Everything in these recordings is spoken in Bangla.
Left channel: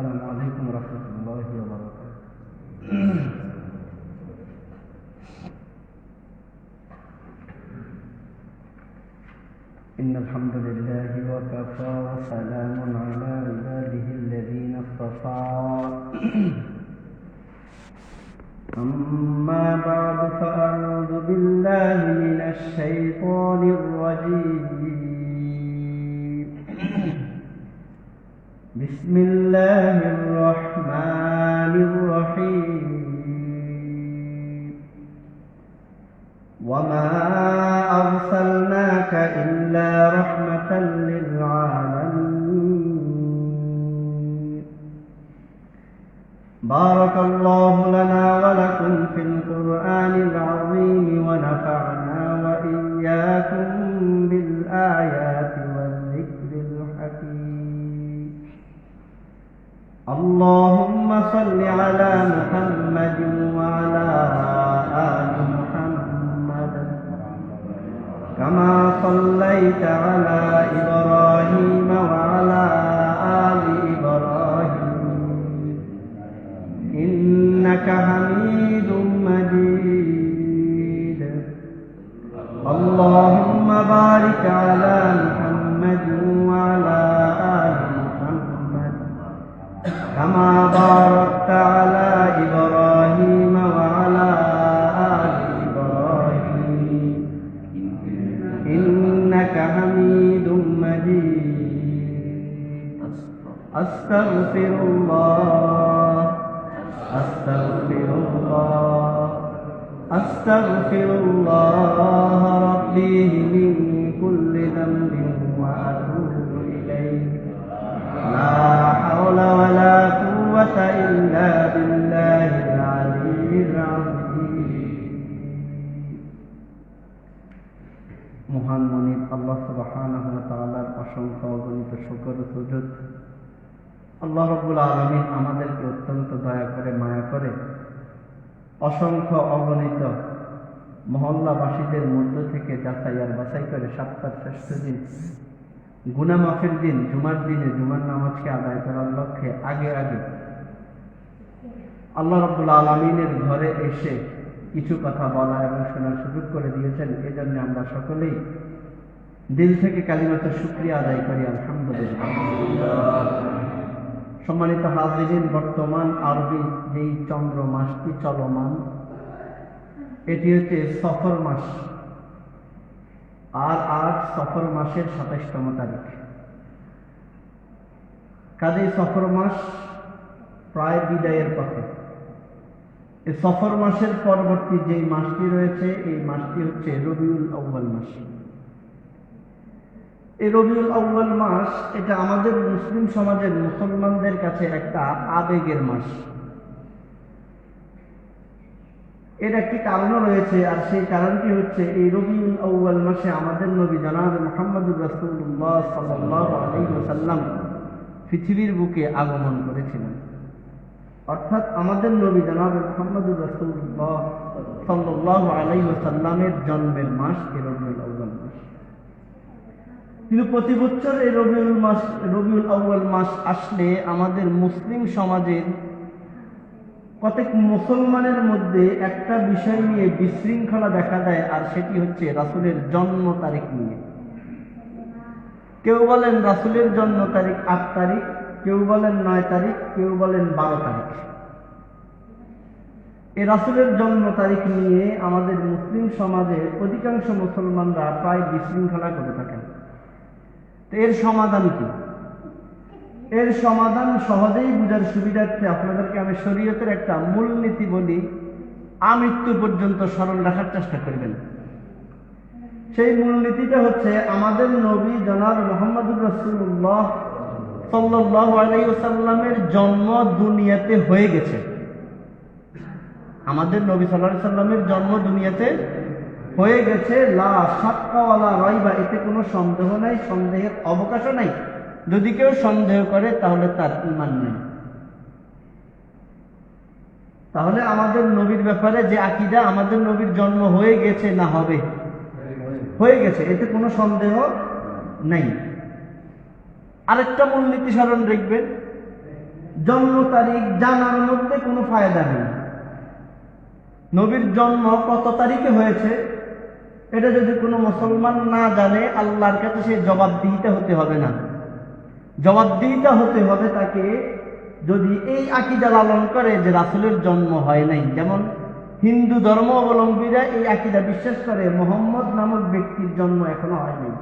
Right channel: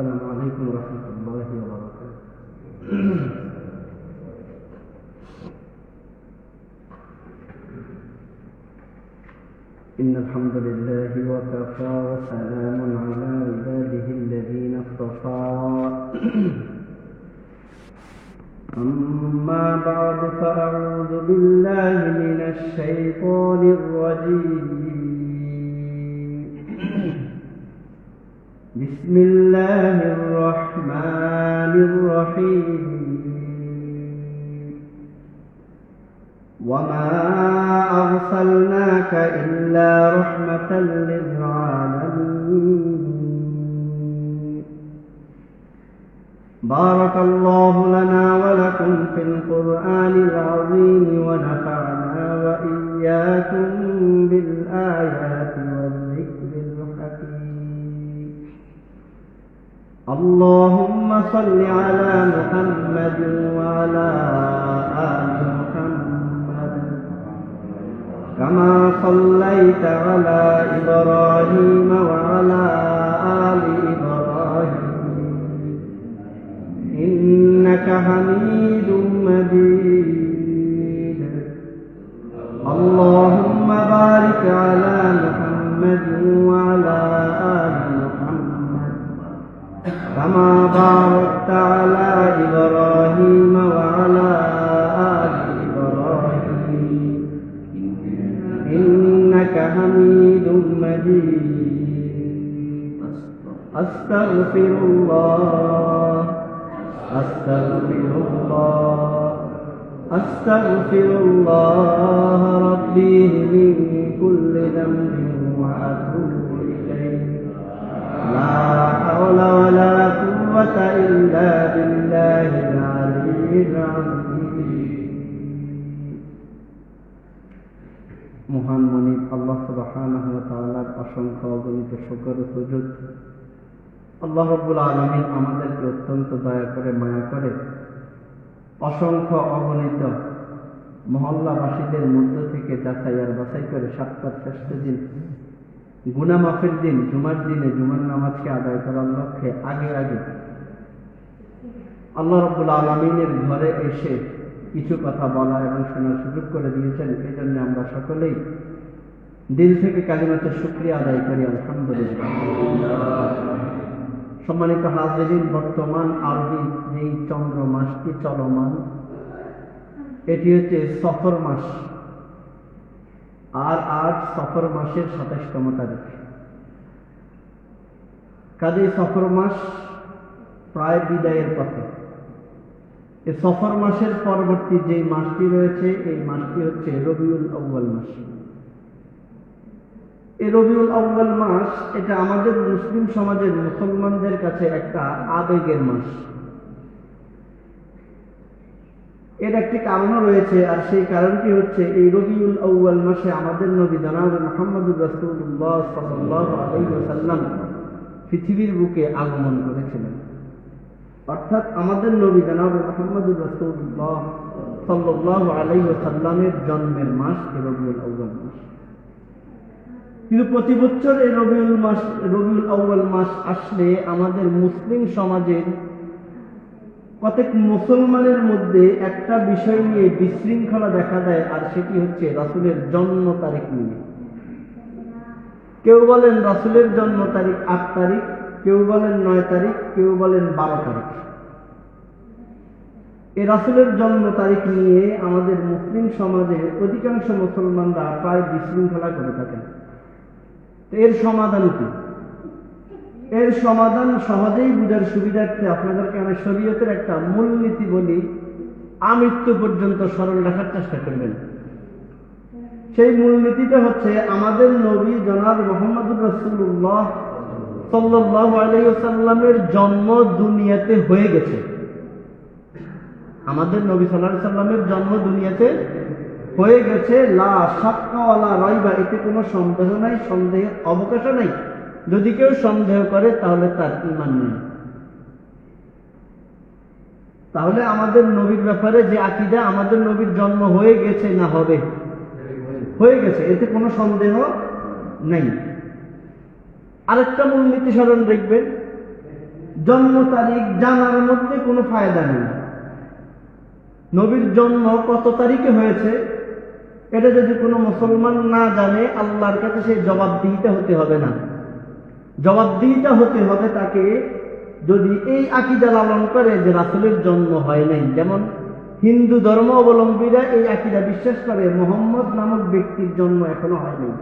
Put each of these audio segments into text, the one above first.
السلام عليكم ورحمة الله وبركاته. إن الحمد لله وكفى وسلام على عباده الذين اصطفى. أما بعد فأعوذ بالله من الشيطان الرجيم. بسم الله الرحمن الرحيم. وما أرسلناك إلا رحمة للعالمين. بارك الله لنا ولكم في القرآن العظيم ونفعنا وإياكم بالآيات والذكر الحكيم. اللهم صل على محمد وعلى آل محمد كما صليت على إبراهيم وعلى آل إبراهيم إنك حميد مجيد. اللهم بارك على محمد وعلى آل محمد كما باركت على إبراهيم وعلى آل إبراهيم إنك حميد مجيد. أستغفر الله أستغفر الله أستغفر الله ربي من كل ذنب وأتوب إليه. لا حول ولا قوة إلا بالله العلي العظيم. মহান মনিব আল্লাহ সুবহানাহু ওয়া তাআলার অসংখ্য অগণিত শুকর ও সুজুদ। আল্লাহ রাব্বুল আলামিন আমাদেরকে অত্যন্ত দয়া করে মায়া করে অসংখ্য অগণিত মহল্লাবাসীদের মধ্য থেকে যাচাই আর বাছাই করে সপ্তাহ শ্রেষ্ঠ দিন গুনাহ মাফের দিন জুমার দিনে জুমার নামাজকে আদায় করার লক্ষ্যে আগে আল্লাহ রাব্বুল আলামিনের ঘরে এসে কিছু কথা বলা এবং শোনার সুযোগ করে দিয়েছেন। এই জন্য আমরা সকলেই দিল থেকে কালিমাতুর শুকরিয়া আদায় করি আলহামদুলিল্লাহ। সম্মানিত হাজিরিন, বর্তমান আরবি যেই চন্দ্র মাসটি চলমান এটি হচ্ছে সফর মাস, আর আজ সফর মাসের 27তম তারিখ। কাজেই সফর মাস প্রায় বিদায়ের পথে। এই সফর মাসের পরবর্তী যে মাসটি রয়েছে এই মাসটি হচ্ছে রবিউল আউয়াল মাস। এই রবিউল আউয়াল মাস এটা আমাদের মুসলিম সমাজের মুসলমানদের কাছে একটা আবেগের মাস। এর একটি কারণ রয়েছে, আর সেই কারণটি হচ্ছে এই রবিউল আউয়াল মাসে আমাদের নবী জনাব মুহাম্মদুর রাসূলুল্লাহ সাল্লাল্লাহু আলাইহি ওয়াসাল্লাম পৃথিবীর বুকে আগমন করেছিলেন। অর্থাৎ আমাদের নবী জনাব মুহাম্মদুর রাসূলুল্লাহ সাল্লাল্লাহু আলাইহি ওয়াসাল্লামের জন্মের মাস এই রবিউল আউয়াল মাস। কিন্তু প্রতি বছর এই রবিউল আউয়াল মাস আসলে আমাদের মুসলিম সমাজের প্রত্যেক মুসলমানের মধ্যে একটা বিষয় নিয়ে বিশৃঙ্খলা দেখা দেয়, আর সেটি হচ্ছে রাসূলের জন্ম তারিখ নিয়ে। কেউ বলেন রাসূলের জন্ম তারিখ 8 তারিখ, কেউ বলেন 9 তারিখ, কেউ বলেন 12 তারিখ। এই রাসূলের জন্ম তারিখ নিয়ে আমাদের মুসলিম সমাজে অধিকাংশ মুসলমানরা প্রায় বিশৃঙ্খলা করে থাকেন। এর সমাধান কি? এর সমাধান সহজেই বুঝার সুবিধার্থে আপনাদেরকে আমি শরীয়তের একটা মূলনীতি বলি, আমৃত্যু পর্যন্ত স্মরণ রাখার চেষ্টা করবেন। সেই মূলনীতিটা হচ্ছে আমাদের নবী জনাব মুহাম্মদুর রাসূলুল্লাহ সাল্লাল্লাহু আলাইহি ওয়াসাল্লামের জন্ম দুনিয়াতে হয়ে গেছে। আমাদের নবী সাল্লাল্লাহু আলাইহি ওয়াসাল্লামের জন্ম দুনিয়াতে হয়ে গেছে। লা শাক্কা ওয়ালা রাইবা, এতে কোনো সন্দেহ নাই, সন্দেহের অবকাশ নাই। যদি কেউ সন্দেহ করে তাহলে তার ঈমান নেই। তাহলে আমাদের নবীর ব্যাপারে যে আকীদা, আমাদের নবীর জন্ম হয়ে গেছে না হবে, হয়ে গেছে, এতে কোনো সন্দেহ নেই। আরেকটা মূলনীতি স্মরণ রাখবেন জন্ম তারিখ জানার মধ্যে কোনো ফায়দা নেই। নবীর জন্ম কত তারিখে হয়েছে এটা যদি কোনো মুসলমান না জানে, আল্লাহর কাছে সেই জবাবদিহিতা হতে হবে না। জবাবদিহিতা হতে হবে তাকে যদি এই আকীদা লালন করে যে রাসূলের জন্ম হয় নাই। যেমন হিন্দু ধর্ম অবলম্বীরা এই আকীদা বিশ্বাস করে মুহাম্মদ নামক ব্যক্তির জন্ম এখনো হয় নাই।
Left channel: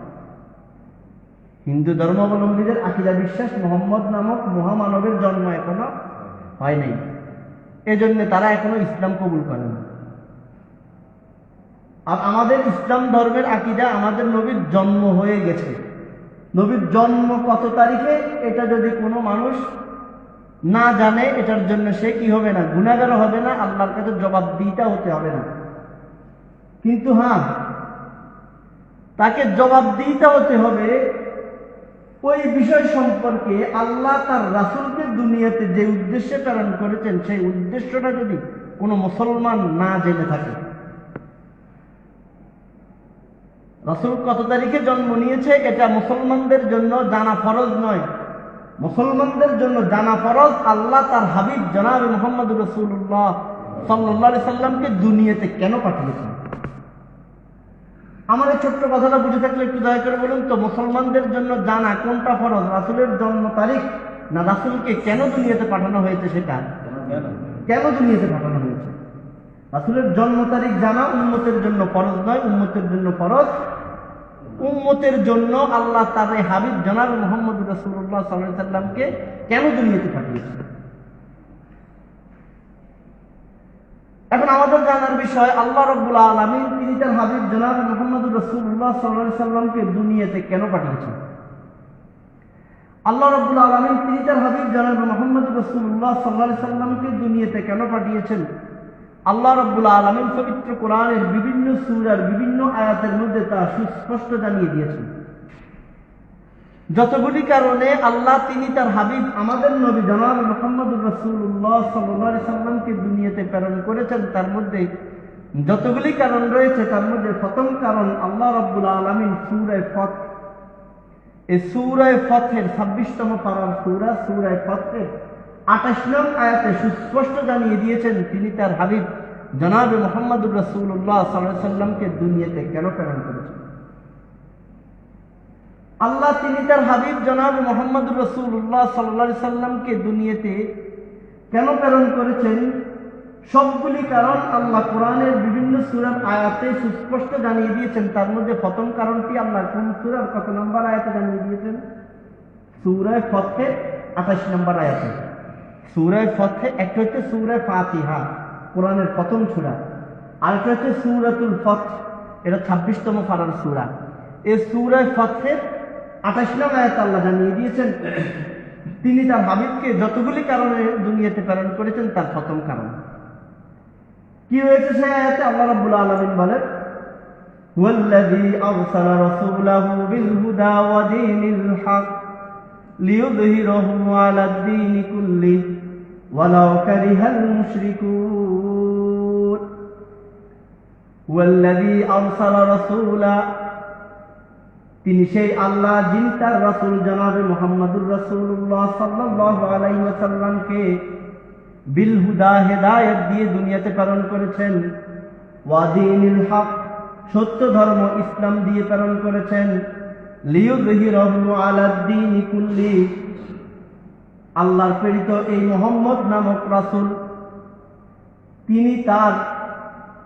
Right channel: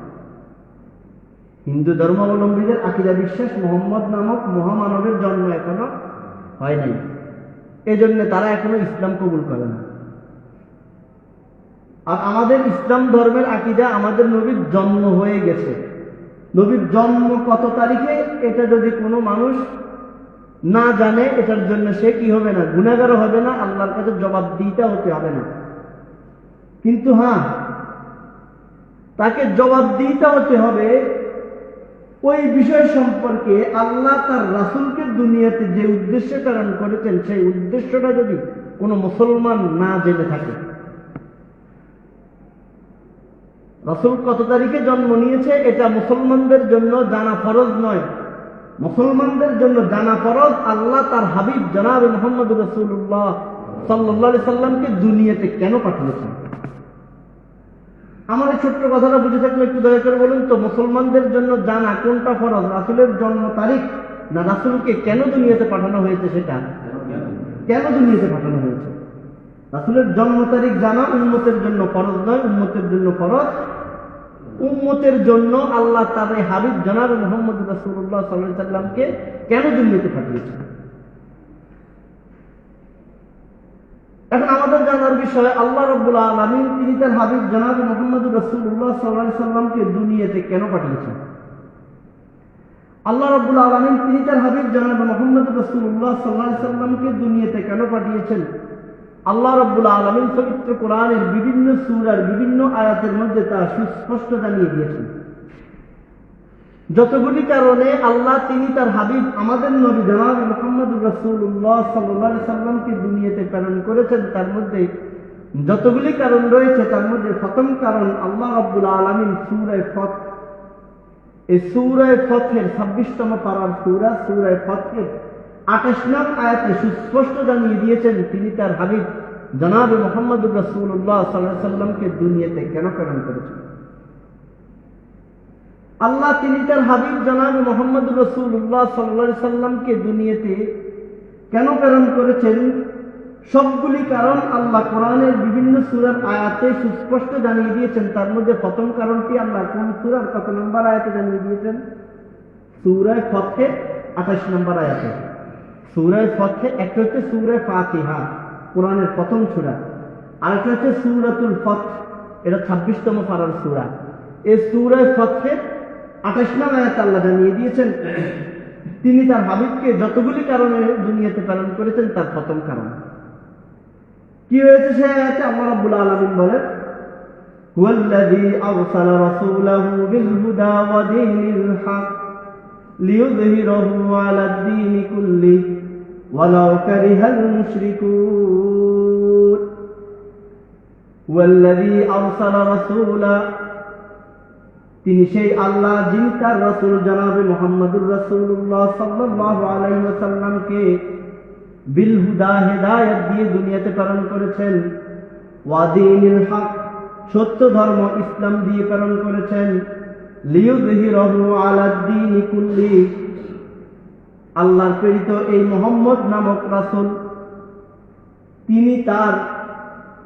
হিন্দু ধর্মাবলম্বীদের আকীদা বিশ্বাস মুহাম্মদ নামক মহামানবের জন্ম এখনো হয় নাই, এজন্য তারা এখনো ইসলাম কবুল করে না। আর আমাদের ইসলাম ধর্মের আকীদা আমাদের নবীর জন্ম হয়ে গেছে। নবীর জন্ম কত তারিখে এটা যদি কোনো মানুষ না জানে, এটার জন্য সে কি হবে না, গুনাহগার হবে না, আল্লাহর কাছে জবাবদিহিতা হতে হবে না। কিন্তু হ্যাঁ, তাকে জবাবদিহিতা হতে হবে ওই বিষয় সম্পর্কে আল্লাহ তার রাসূলকে দুনিয়াতে যে উদ্দেশ্যে প্রেরণ করেছেন সেই উদ্দেশ্যটা যদি কোনো মুসলমান না জেনে থাকে। রাসূল কত তারিখে জন্ম নিয়েছে এটা মুসলমানদের জন্য জানা ফরজ নয়। মুসলমানদের জন্য জানা ফরজ আল্লাহ তার হাবিব জনাবে মুহাম্মদুর রাসূলুল্লাহ সাল্লাল্লাহু আলাইহি সাল্লামকে দুনিয়াতে কেন পাঠিয়েছেন। আমার এই ছোট্ট কথাটা বুঝে থাকলে একটু দয়া করে বলুন তো, মুসলমানদের জন্য জানা কোনটা ফরজ, রাসূলের জন্ম তারিখ না রাসূলকে কেন দুনিয়াতে পাঠানো হয়েছে সেটা? কেন দুনিয়াতে পাঠানো হয়েছে? রাসূলের জন্ম তারিখ জানা উম্মতের জন্য ফরজ নয়, উম্মতের জন্য ফরজ। উম্মতের জন্য আল্লাহ তার হাবিব জনাবে মুহাম্মদ রাসূলুল্লাহ সাল্লাল্লাহু আলাইহি সাল্লামকে কেন দুনিয়াতে পাঠিয়েছেন। এখন আমাদের জানার বিষয়, আল্লাহ রাব্বুল আলামিন তিনি তার হাবিব জনাবে মুহাম্মদ রাসূলুল্লাহ সাল্লাল্লাহু আলাইহি সাল্লামকে দুনিয়াতে কেন পাঠিয়েছেন। আল্লাহ রাব্বুল আলামিন তিনি তার হাবিব জনাবে মুহাম্মদ রাসূলুল্লাহ সাল্লাল্লাহু আলাইহি সাল্লামকে দুনিয়াতে কেন পাঠিয়েছেন, আল্লাহ রাব্বুল আলামিন পবিত্র কোরআনের বিভিন্ন সূরার বিভিন্ন আয়াতের মধ্যে তা সুস্পষ্ট জানিয়ে দিয়েছেন। যতগুলি কারণে আল্লাহ তিনি তার হাবিব আমাদের নবী জনাবে মুহাম্মদুর রাসূলুল্লাহ সাল্লাল্লাহু আলাইহি সাল্লামকে দুনিয়াতে প্রেরণ করেছেন, তার মধ্যে যতগুলি কারণ রয়েছে তার মধ্যে প্রথম কারণ আল্লাহ রাব্বুল আলামিন সূরা ফাত, এই সূরা ফাতের 26তম পারার সূরা সূরা ফাতের 28 নং আয়াতে সুস্পষ্ট জানিয়ে দিয়েছেন তিনি তার হাবিব জনাবে মুহাম্মদুর রাসূলুল্লাহ সাল্লাল্লাহু আলাইহি সাল্লামকে দুনিয়াতে কেন প্রেরণ করেছেন। আল্লাহ তিনি তার হাবিব জনাবে মুহাম্মদুর রাসূলুল্লাহ সাল্লাল্লাহু আলাইহি সাল্লামকে দুনিয়াতে কেন প্রেরণ করেছেন, সবগুলি কারণ আল্লাহ কোরআনের বিভিন্ন সূরার আয়াতে সুস্পষ্ট জানিয়ে দিয়েছেন। তার মধ্যে প্রথম কারণটি আল্লাহ কোন সূরার কত নম্বর আয়াতে জানিয়ে দিয়েছেন? সূরা ফাতের 28 নম্বর আয়াতে। সূরা ফাতে একটা হচ্ছে সূরা ফাতিহা, কোরআনের প্রথম সূরা, আর একটা হচ্ছে সূরাতুল ফাত, এটা 26তম পারার সূরা। এই সূরা ফাতের 28 নং আয়াতে আল্লাহ জানিয়ে দিয়েছেন তিনি তার হাবিবকে যতগুলি কারণে দুনিয়াতে প্রেরণ করেছেন তার প্রথম কারণ কি হয়েছে সেই আয়াতে আল্লাহ রাব্বুল আলামিন বলেন, হুয়াল্লাযী আরসালা রাসূলাহু বিল হুদা ওয়া দীনিল হক লিইয়ুযহিরাহু আলাদ দীনি কুল্লিহি ওয়ালাউ কারিহাল মুশরিকুন। হুয়াল্লাযী আরসালা রাসূলা, তিনি সেই আল্লাহ যিনি তার রাসূল জনাবে মুহাম্মদুর রাসূলুল্লাহ সাল্লাল্লাহু আলাইহি ওয়াসাল্লামকে বিল হুদা হেদায়েত দিয়ে দুনিয়াতে প্রেরণ করেছেন, ওয়া দীনিল হক সত্য ধর্ম ইসলাম দিয়ে প্রেরণ করেছেন, লিইয়ুযহিরাহু আলাদ দীনি কুল্লিহি আল্লাহর প্রেরিত এই মুহাম্মদ নামক রাসূল তিনি তার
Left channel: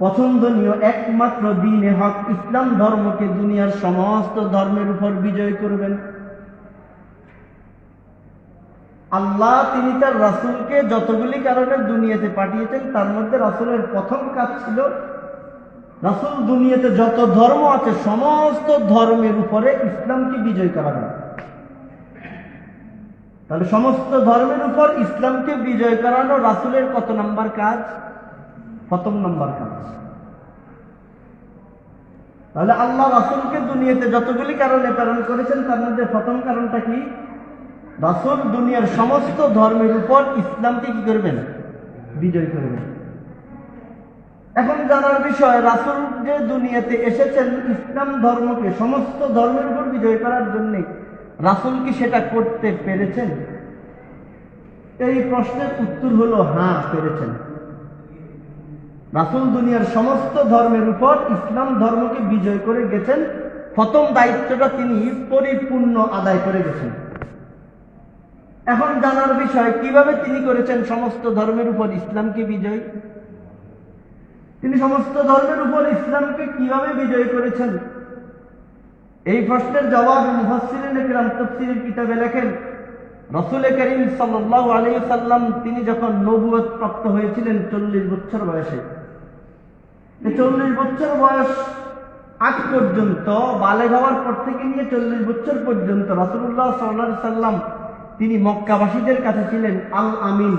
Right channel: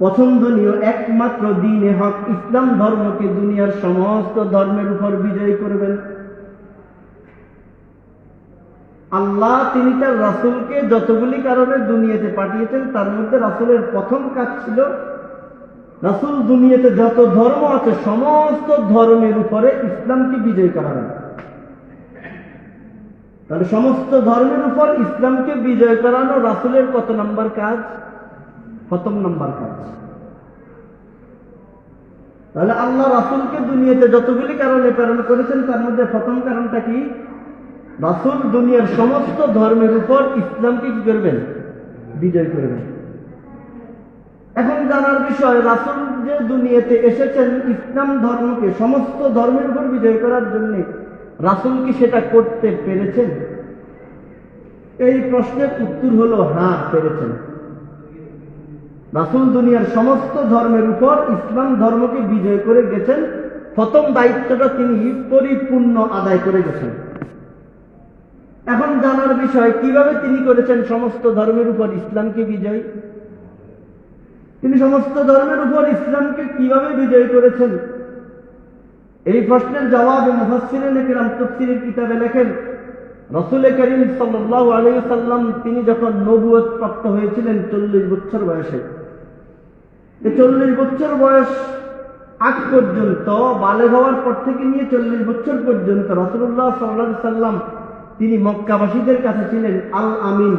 পছন্দনীয় একমাত্র দ্বীনে হক ইসলাম ধর্মকে দুনিয়ার সমস্ত ধর্মের উপর বিজয় করবেন। আল্লাহ তিনি তার রাসূলকে যতগুলি কারণে দুনিয়াতে পাঠিয়েছেন তার মধ্যে রাসূলের প্রথম কাজ ছিল রাসূল দুনিয়াতে যত ধর্ম আছে সমস্ত ধর্মের উপরে ইসলামকে বিজয় করাবেন। তাহলে সমস্ত ধর্মের উপর ইসলামকে বিজয় করানো রাসূলের কত নম্বর কাজ? প্রথম নম্বর কাজ। তাহলে আল্লাহ রাসূলকে দুনিয়াতে যতগুলি কারণে প্রেরণ করেছেন তার মধ্যে প্রথম কারণটা কি? রাসূল দুনিয়ার সমস্ত ধর্মের উপর ইসলামকে কি করবেন? বিজয় করবেন। এখন জানার বিষয়, রাসূল যে দুনিয়াতে এসেছেন ইসলাম ধর্মকে সমস্ত ধর্মের উপর বিজয় করার জন্য, রাসূল কি সেটা করতে পেরেছেন? এই প্রশ্নের উত্তর হলো হ্যাঁ, পেরেছেন। রাসূল দুনিয়ার সমস্ত ধর্মের উপর ইসলাম ধর্মকে বিজয় করে গেছেন। প্রথম দায়িত্বটা তিনি পরিপূর্ণ আদায় করে গেছেন। এখন জানার বিষয়, কিভাবে তিনি করেছেন সমস্ত ধর্মের উপর ইসলামকে বিজয়। তিনি সমস্ত ধর্মের উপর ইসলামকে কিভাবে বিজয় করেছেন, এই প্রশ্নের জবাবে মুফাসসিরিন কিরাম তাফসীরের কিতাবে লেখেন, রাসূল করিম সাল্লাল্লাহু আলাইহি ওয়াসাল্লাম তিনি যখন নবুয়ত প্রাপ্ত হয়েছিলেন 40 বছর বয়সে। 40 বছর বয়স আগ পর্যন্ত, বালেগ হওয়ার পর থেকে নিয়ে 40 বছর পর্যন্ত রাসূলুল্লাহ সাল্লাল্লাহু আলাইহি ওয়াসাল্লাম তিনি মক্কাবাসীদের কাছে ছিলেন আল আমিন,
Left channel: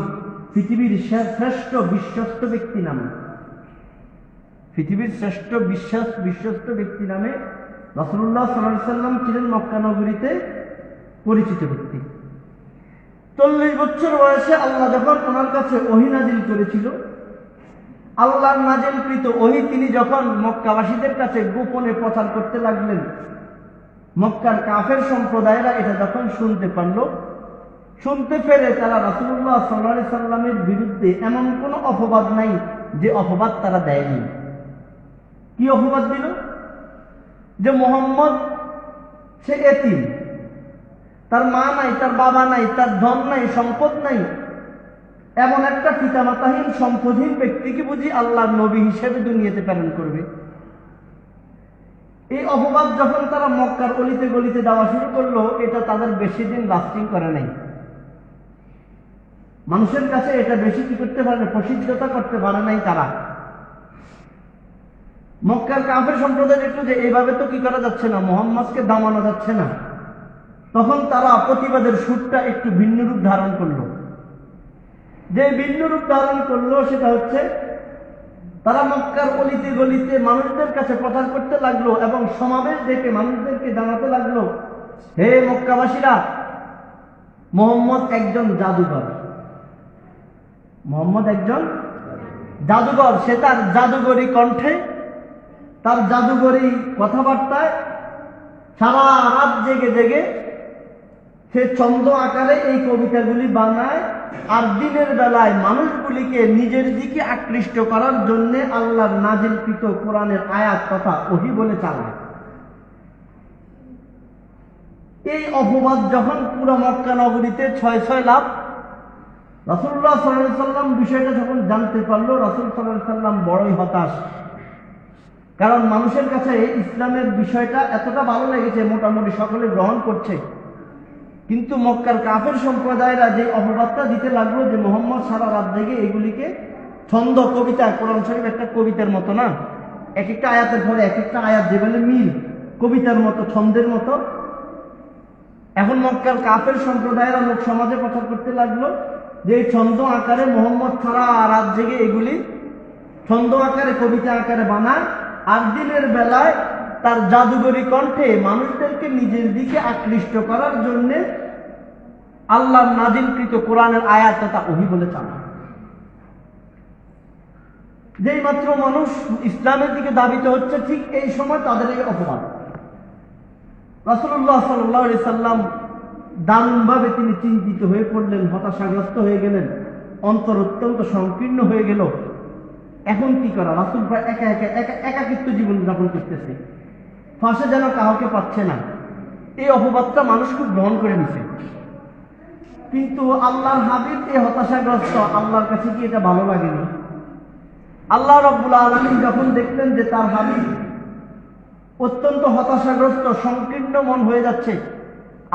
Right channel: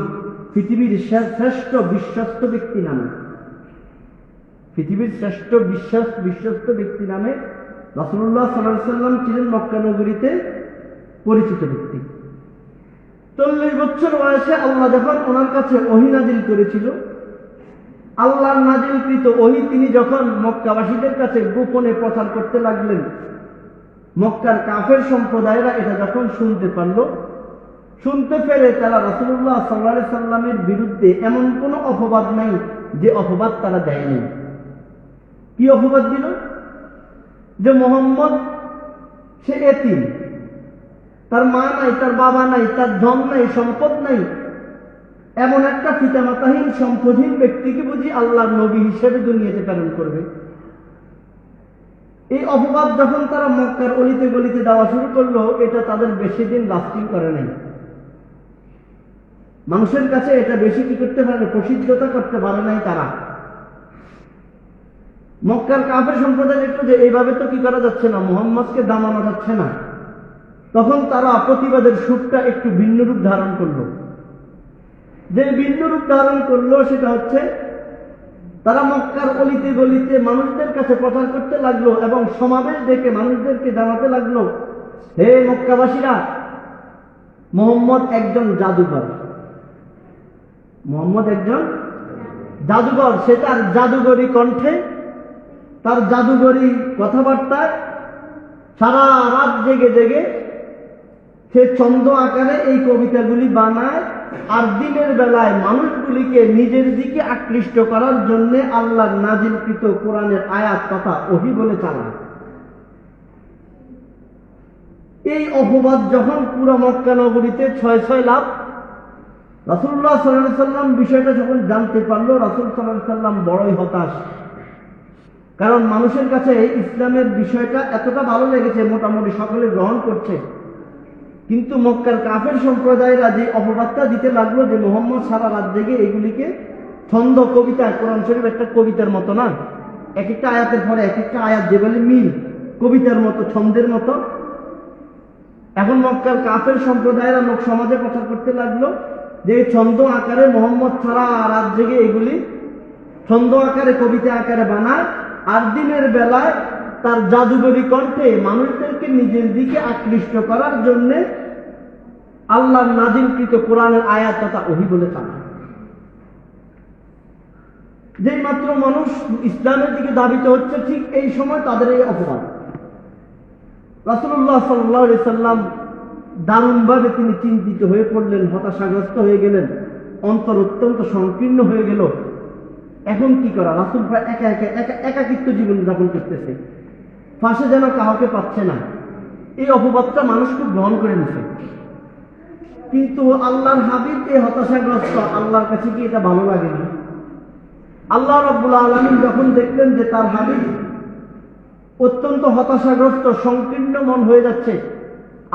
পৃথিবীর শ্রেষ্ঠ বিশ্বস্ত ব্যক্তি নামে। পৃথিবীর শ্রেষ্ঠ বিশ্বস্ত ব্যক্তি নামে রাসূলুল্লাহ সাল্লাল্লাহু আলাইহি ওয়াসাল্লাম ছিলেন মক্কা নগরীতে পরিচিত ব্যক্তি। 40 বছর বয়সে আল্লাহ যখন ওনার কাছে ওহী নাযিল করেছিল, আল্লাহর নাযিলকৃত ওহী তিনি যখন মক্কাবাসীদের কাছে গোপনে প্রচার করতে লাগলেন, মক্কার কাফের সম্প্রদায়েরা এটা যখন শুনতে পেরে তারা রাসূলুল্লাহ সাল্লাল্লাহু আলাইহি সাল্লামের বিরুদ্ধে এমন কোনো অপবাদ নাই যে অপবাদ তারা দেয়নি। কি অপবাদ দিল? যে মুহাম্মদ সে এতিম, তার মা নাই, তার বাবা নাই, তার ধন নাই, সম্পদ নাই, এমন একটা পিতামাতাহীন সম্পদহীন ব্যক্তিকে বুঝি আল্লাহর নবী হিসেবে দুনিয়াতে প্রেরণ করবে। এই অপবাদ যখন তারা মক্কার অলিতে গলিতে দেওয়া শুরু করলো, এটা তাদের বেশি দিন লাস্টিং করে নাই। মানুষের কাছে এটা বেশি কি করতে পারে, প্রসিদ্ধতা করতে পারে নাই তারা। মক্কার কাফের সম্প্রদায় দেখলো যে এইভাবে তো কি করা যাচ্ছে না, মুহাম্মদকে দামানো যাচ্ছে না। তখন তারা প্রতিবাদের সুরটা একটু ভিন্ন রূপ ধারণ করলো। যে ভিন্ন রূপ ধারণ করলো সেটা হচ্ছে, তারা মক্কার অলিতে গলিতে মানুষদের কাছে প্রচার করতে লাগলো এবং সমাবেশ ডেকে মানুষদেরকে জানাতে লাগলো, হে মক্কাবাসীরা, মুহাম্মদ একজন জাদুকর। মুহাম্মদ একজন জাদুকর। সে তার জাদুকরী কণ্ঠে, তার জাদুকরী কথাবার্তায় সারা রাত জেগে জেগে সে ছন্দ আকারে এই কবিতাগুলি বানায়, আর দিনের বেলায় মানুষগুলিকে নিজের দিকে আকৃষ্ট করার জন্য আল্লাহর নাজিলকৃত কোরআনের আয়াত তথা ওহী বলে চালায়। এই অপবাদ যখন পুরো মক্কা নগরীতে 6 লাখ, রাসূলুল্লাহ সাল্লাল্লাহু আলাইহি সাল্লাম বিষয়টা যখন জানতে পারলো, রাসূল সাল্লাল্লাহু আলাইহি সাল্লাম বড়ই হতাশ। কারণ মানুষের কাছে ইসলামের বিষয়টা এতটা ভালো লেগেছে, মোটামুটি সকলে গ্রহণ করছে, কিন্তু মক্কার কাফের সম্প্রদায়রা যে অপবাদটা দিতে লাগলো যে মুহাম্মদ সারা রাত জেগে এগুলিকে ছন্দ কবিতা, কোরআন শরীফ একটা কবিতার মতো না, এক একটা আয়াতের পরে এক একটা আয়াত যেভাবে মিল, কবিতার মতো, ছন্দের মতো। এখন মক্কার কাফের সম্প্রদায়েরা লোক সমাজে প্রচার করতে লাগলো যে ছন্দ আকারে মুহাম্মদ সারা রাত জেগে এগুলি ছন্দ আকারে, কবিতা আকারে বানায়, আর দিনের বেলায় তার জাদুকরী কণ্ঠে মানুষদেরকে নিজের দিকে আকৃষ্ট করার জন্য আল্লাহর নাজিলকৃত কোরআনের আয়াত তথা ওহী বলে চালায়। যেই মাত্র মানুষ ইসলামের দিকে ধাবিত হচ্ছে, ঠিক এই সময় তাদের এই অপবাদ। রাসূলুল্লাহ সাল্লাল্লাহু আলাইহি সাল্লাম দারুণভাবে তিনি চিন্তিত হয়ে পড়লেন, হতাশাগ্রস্ত হয়ে গেলেন, অন্তর অত্যন্ত সংকীর্ণ হয়ে গেল। এখন কি করা? রাসূল প্রায় একাকিত্ব জীবন যাপন করতেছে, পাশে যেন কাউকে পাচ্ছে না। এই অপবাদটা মানুষ খুব গ্রহণ করে নিছে। কিন্তু আল্লাহর হাবিব এই হতাশাগ্রস্ত, আল্লাহর কাছে কি এটা ভালো লাগে না? আল্লাহ রাব্বুল আলামিন যখন দেখলেন যে তার হাবিব অত্যন্ত হতাশাগ্রস্ত, সংকীর্ণ মন হয়ে যাচ্ছে,